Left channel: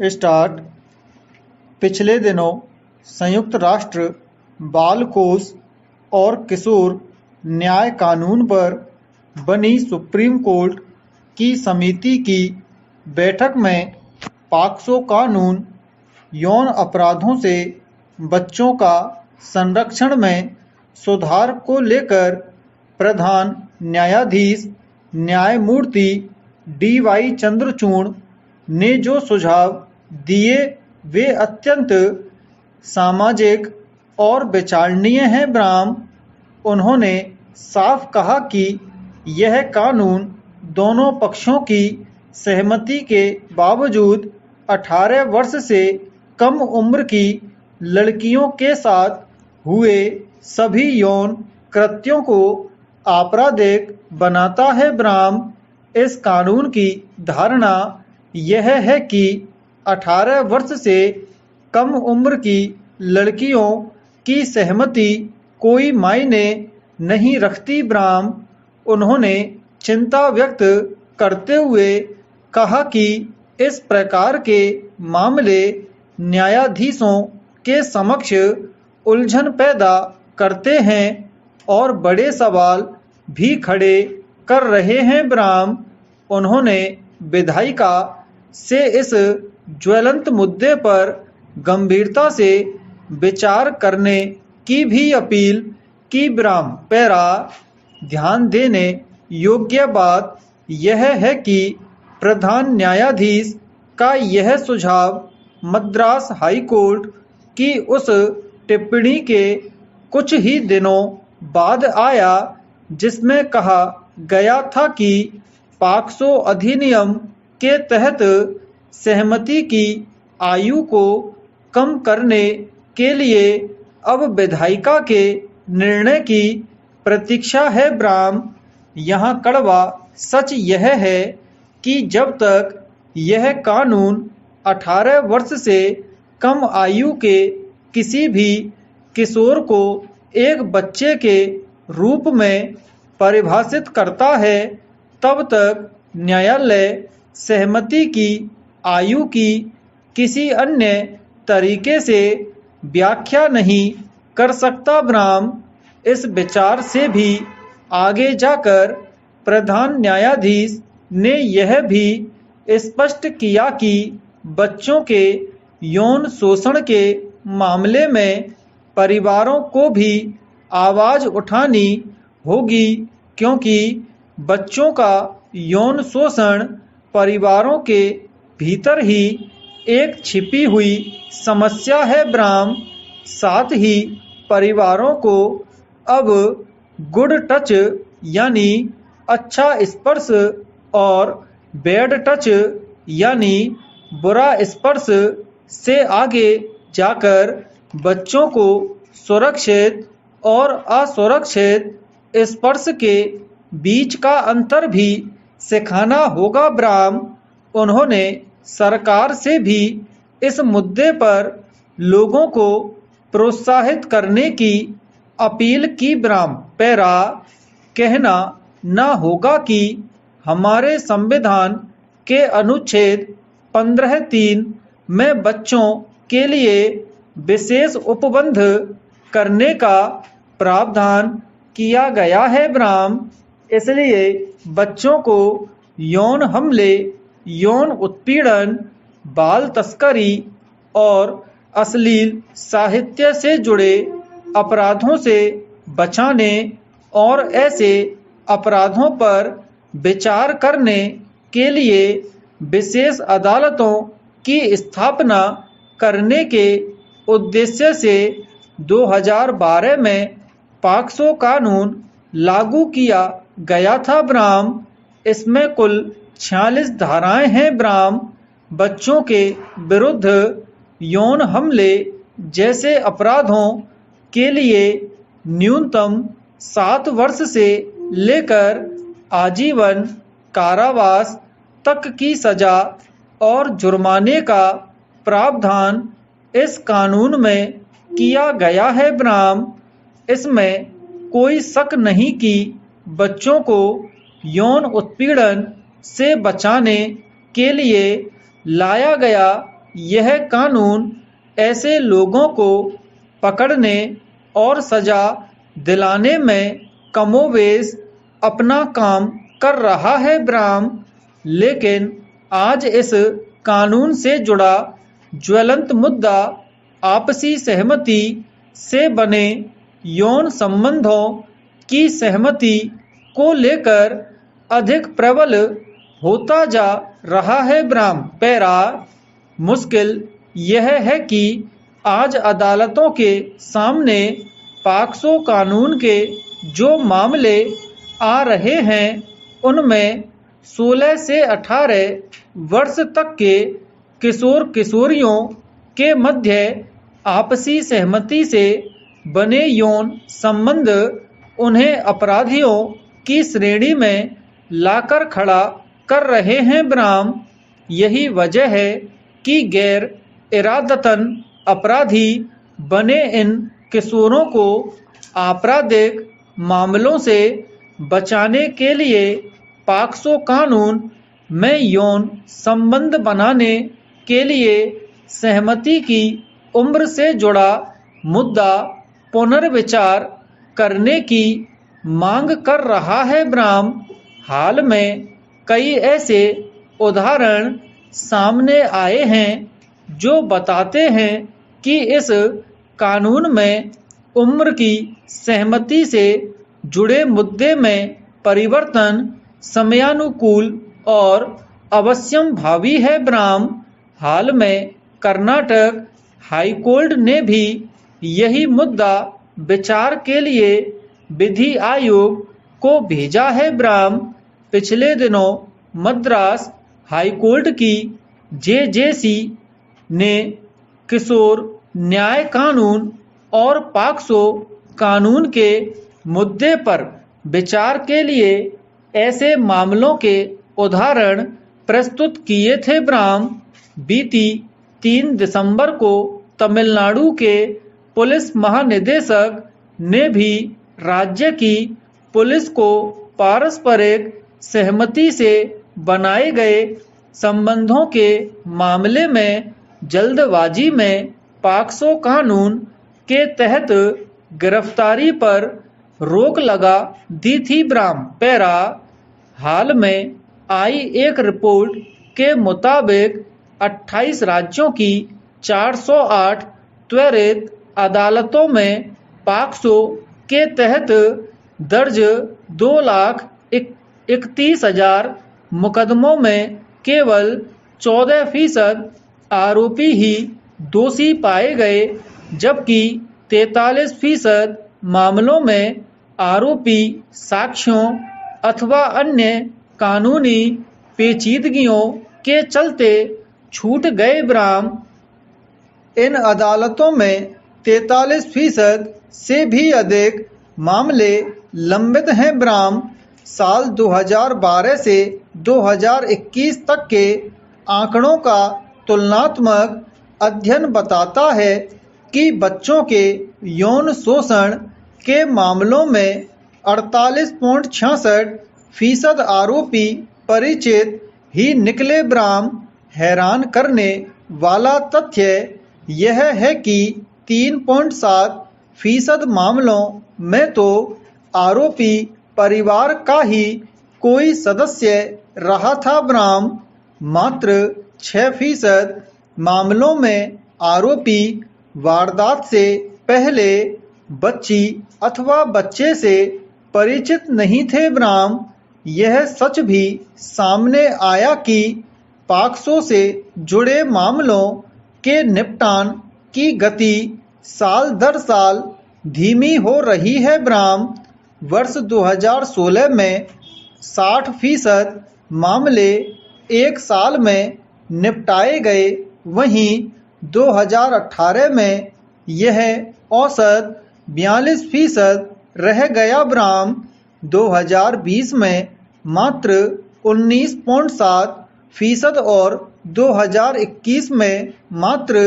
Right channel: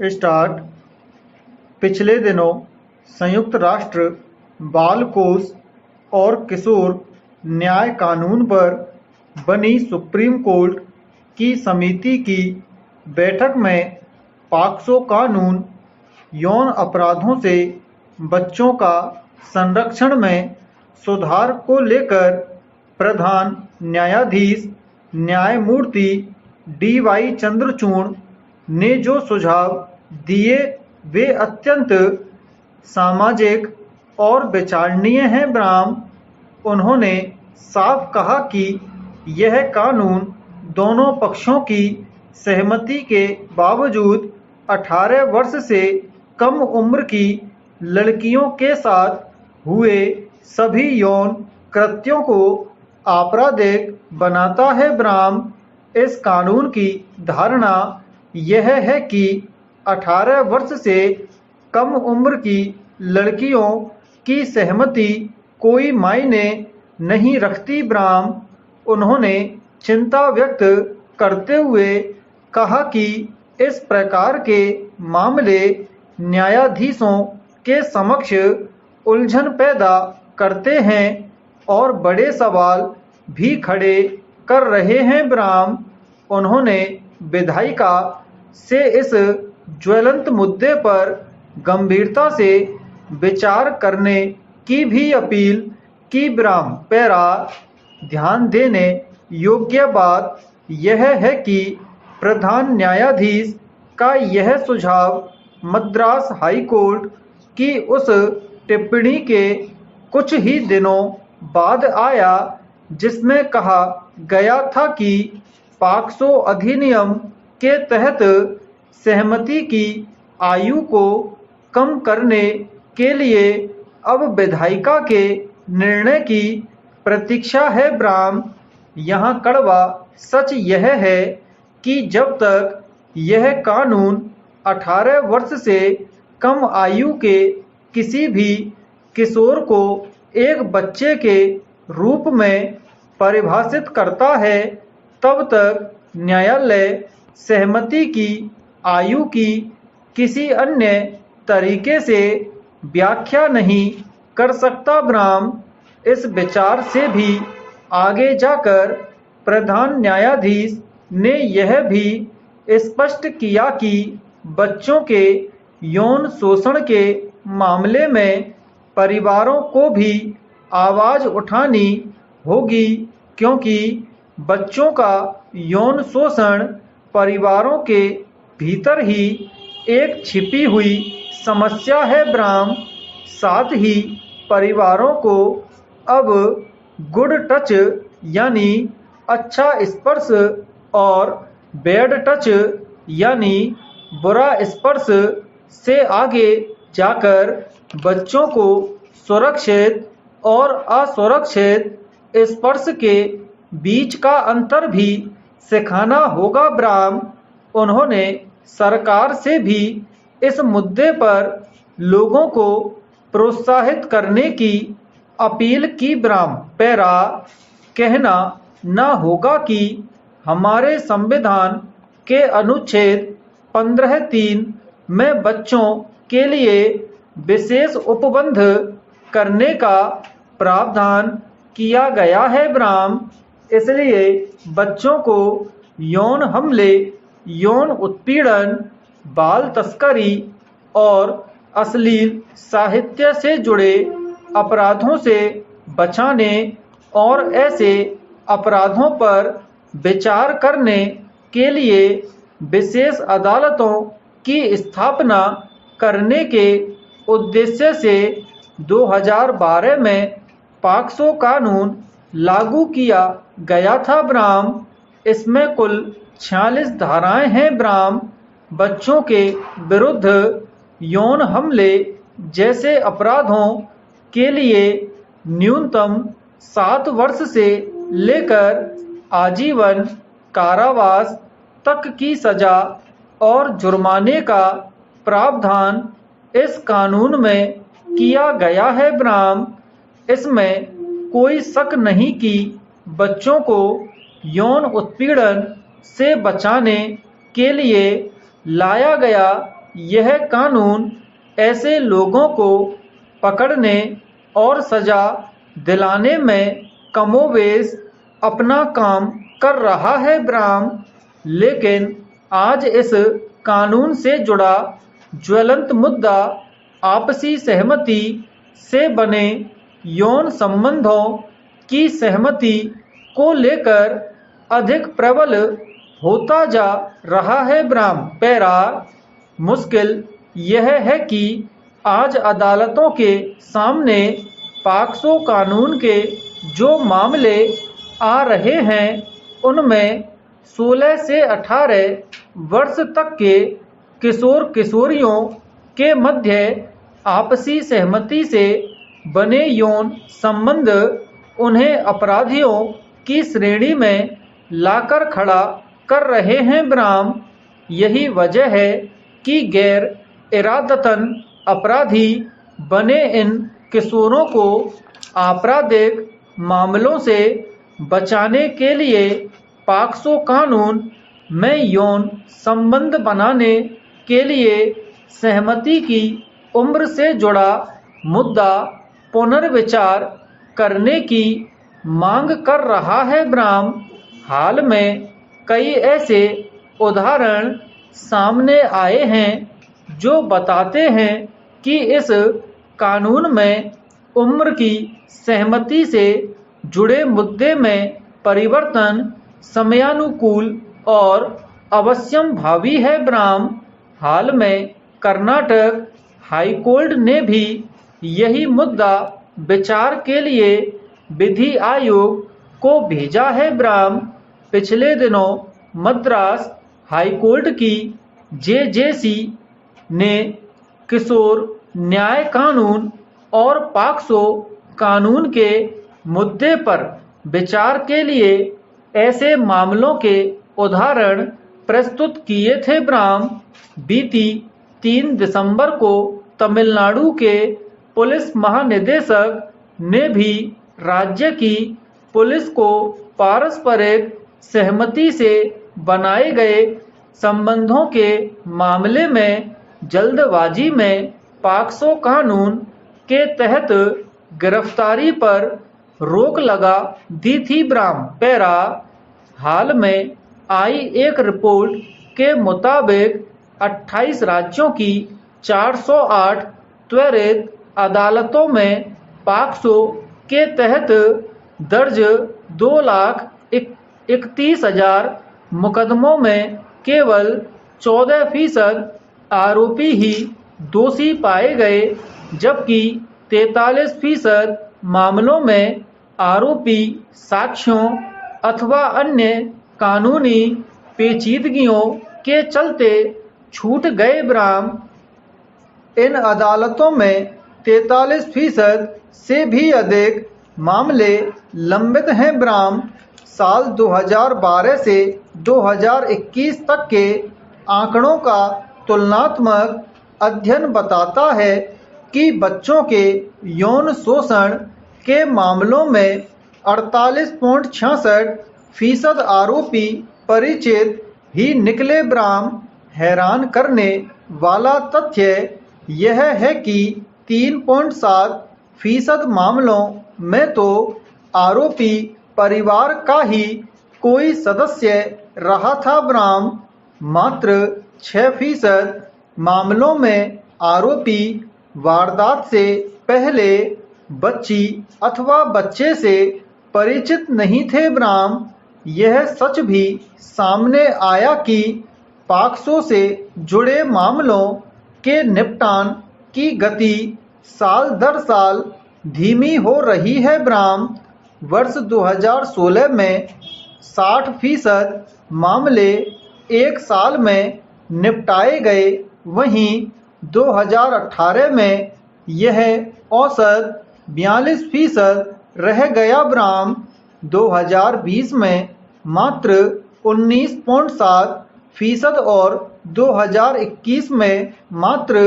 Start. पिछले दिनों संयुक्त राष्ट्र बाल कोष और किशोर न्याय कानून पर बनी सुप्रीम कोर्ट की समिति की बैठक में पॉक्सो कानून यौन अपराधों से बच्चों का संरक्षण में सुधार को लेकर प्रधान न्यायाधीश न्यायमूर्ति डी.वाई. चंद्रचूड़ ने जो सुझाव दिए वे अत्यंत सामाजिक और विचारणीय हैं। ब्राह्म उन्होंने साफ कहा कि यह कानून दोनों पक्षों की सहमति के बावजूद 18 वर्ष से कम उम्र की लड़कियों के साथ हुए सभी यौन कृत्यों को आपराधिक बनाता है। ब्राह्म इस कानून की धारणा यह है कि 18 वर्ष से कम उम्र की लड़कियों की सहमति कोई मायने नहीं रखती। ब्राह्म उन्होंने चिंता व्यक्त करते हुए कहा कि इस प्रकार के मामले न्यायाधीशों के समक्ष उलझन पैदा करते हैं और बड़े सवाल भी खड़े कर रहे हैं। ब्राह्म उन्होंने विधायिका से इस ज्वलंत मुद्दे पर गंभीरता से विचार करने की भी अपील की। ब्राह्म पैरा ध्यान देने योग्य बात यह है कि प्रधान न्यायाधीश का यह सुझाव मद्रास हाई कोर्ट की उस टिप्पणी के कुछ ही दिनों बाद आया जिसमें कहा गया था कि पॉक्सो अधिनियम के तहत सहमति की आयु को कम करने के लिए अब विधायिका के निर्णय की प्रतीक्षा है। ब्राह्म यहाँ कड़वा सच यह है कि जब तक यह कानून 18 वर्ष से कम आयु के किसी भी किशोर को एक बच्चे के रूप में परिभाषित करता है तब तक न्यायालय सहमति की आयु की किसी अन्य तरीके से व्याख्या नहीं कर सकता। ब्राह्म इस विचार से भी आगे जाकर प्रधान न्यायाधीश ने यह भी स्पष्ट किया कि बच्चों के यौन शोषण के मामले में परिवारों को भी आवाज उठानी होगी क्योंकि बच्चों का यौन शोषण परिवारों के भीतर ही एक छिपी हुई समस्या है। ब्राह्म साथ ही परिवारों को अब गुड टच यानी अच्छा स्पर्श और बैड टच यानी बुरा स्पर्श से आगे जाकर बच्चों को सुरक्षित और असुरक्षित स्पर्श के बीच का अंतर भी सिखाना होगा। ब्राह्म उन्होंने सरकार से भी इस मुद्दे पर लोगों को प्रोत्साहित करने की अपील की। ब्राह्म पैरा कहना न होगा कि हमारे संविधान के अनुच्छेद 15(3) में बच्चों के लिए विशेष उपबंध करने का प्रावधान किया गया है। ब्राह्म इसलिए बच्चों को यौन हमले, यौन उत्पीड़न, बाल तस्करी और अश्लील साहित्य से जुड़े अपराधों से बचाने और ऐसे अपराधों पर विचार करने के लिए विशेष अदालतों की स्थापना करने के उद्देश्य से 2012 में पॉक्सो कानून लागू किया गया था। ब्राह्म इसमें कुल 46 धाराएं हैं। ब्राह्म बच्चों के विरुद्ध यौन हमले जैसे अपराधों के लिए न्यूनतम 7 वर्ष से लेकर आजीवन कारावास तक की सजा और जुर्माने का प्रावधान इस कानून में किया गया है। ब्राह्म इसमें कोई शक नहीं कि बच्चों को यौन उत्पीड़न से बचाने के लिए लाया गया यह कानून ऐसे लोगों को पकड़ने और सजा दिलाने में कमोवेश अपना काम कर रहा है ब्राह्म, लेकिन आज इस कानून से जुड़ा ज्वलंत मुद्दा आपसी सहमति से बने यौन संबंधों की सहमति को लेकर अधिक प्रबल होता जा रहा है ब्राह्म। पैरा मुश्किल यह है कि आज अदालतों के सामने पॉक्सो कानून के जो मामले आ रहे हैं उनमें 16 से 18 वर्ष तक के किशोर किशोरियों के मध्य आपसी सहमति से बने यौन संबंध उन्हें अपराधियों की श्रेणी में लाकर खड़ा कर रहे हैं ब्राह्म। यही वजह है कि गैर इरादतन अपराधी बने इन किशोरों को आपराधिक मामलों से बचाने के लिए पॉक्सो कानून में यौन संबंध बनाने के लिए सहमति की उम्र से जुड़ा मुद्दा पुनर्विचार करने की मांग कर रहा है ब्राह्म। हाल में कई ऐसे उदाहरण सामने आए हैं जो बताते हैं कि इस कानून में उम्र की सहमति से जुड़े मुद्दे में परिवर्तन समयानुकूल और अवश्यंभावी है ब्राह्म। हाल में कर्नाटक हाईकोर्ट ने भी यही मुद्दा विचार के लिए विधि आयोग को भेजा है ब्राह्म। पिछले दिनों मद्रास हाईकोर्ट की जेजेसी ने किशोर न्याय कानून और पॉक्सो कानून के मुद्दे पर विचार के लिए ऐसे मामलों के उदाहरण प्रस्तुत किए थे ब्राह्म। बीती 3 दिसंबर को तमिलनाडु के पुलिस महानिदेशक ने भी राज्य की पुलिस को पारस्परिक सहमति से बनाए गए संबंधों के मामले में जल्दबाजी में पॉक्सो कानून के तहत गिरफ्तारी पर रोक लगा दी थी ब्राह्म। पैरा हाल में आई एक रिपोर्ट के मुताबिक 28 राज्यों की 408 त्वरित अदालतों में पॉक्सो के तहत दर्ज 2,31,000 मुकदमों में केवल 14% आरोपी ही दोषी पाए गए, जबकि 43% मामलों में आरोपी साक्ष्यों अथवा अन्य कानूनी पेचीदगियों के चलते छूट गए ब्राह्म। इन अदालतों में 43% से भी अधिक मामले लंबित हैं ब्राह्म। साल 2012 से 2021 तक के आंकड़ों का तुलनात्मक अध्ययन बताता है कि बच्चों के यौन शोषण के मामलों में 48.66% आरोपी परिचित ही निकले ब्राह्म। हैरान करने वाला तथ्य यह है कि 3.7% मामलों में तो आरोपी परिवार का ही कोई सदस्य रहा था ब्राह्म। मात्र 6% मामलों में आरोपी वारदात से पहले बच्ची अथवा बच्चे से परिचित नहीं थे ब्राह्म। यह सच भी सामने आया कि पॉक्सो से जुड़े मामलों के निपटान की गति साल दर साल धीमी हो रही है ब्राह्म। वर्ष 2016 में 60% मामले एक साल में निपटाए गए, वहीं 2018 में यह औसत 42% रह गया ब्राह्म। 2020 में मात्र 19.7% और 2021 में मात्र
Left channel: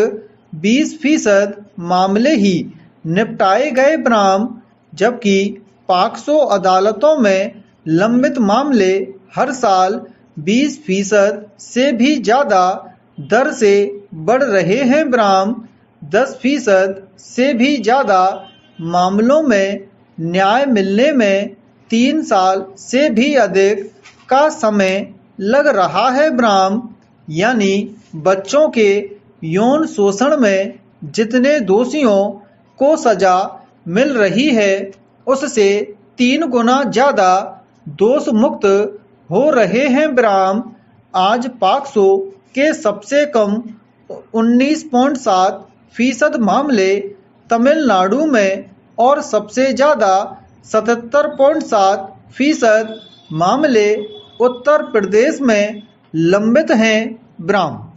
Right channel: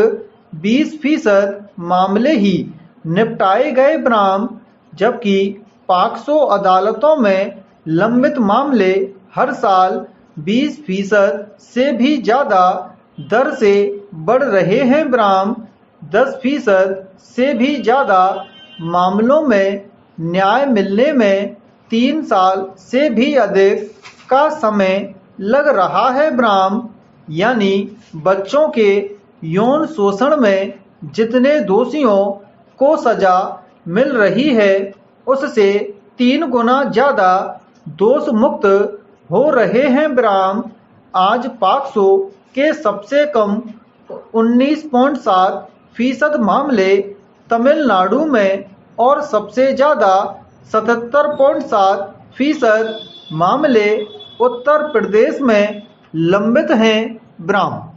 20% मामले ही निपटाए गए ब्राह्म, जबकि पॉक्सो अदालतों में लंबित मामले हर साल 20% से भी ज़्यादा दर से बढ़ रहे हैं ब्राह्म। 10% से भी ज़्यादा मामलों में न्याय मिलने में 3 साल से भी अधिक का समय लग रहा है ब्राह्म। यानी बच्चों के यौन शोषण में जितने दोषियों को सजा मिल रही है उससे 3 गुना ज़्यादा दोष मुक्त हो रहे हैं ब्राह्म। आज पॉक्सो के सबसे कम 19.7% मामले तमिलनाडु में और सबसे ज़्यादा 77.7% मामले उत्तर प्रदेश में लंबित हैं ब्राह्म।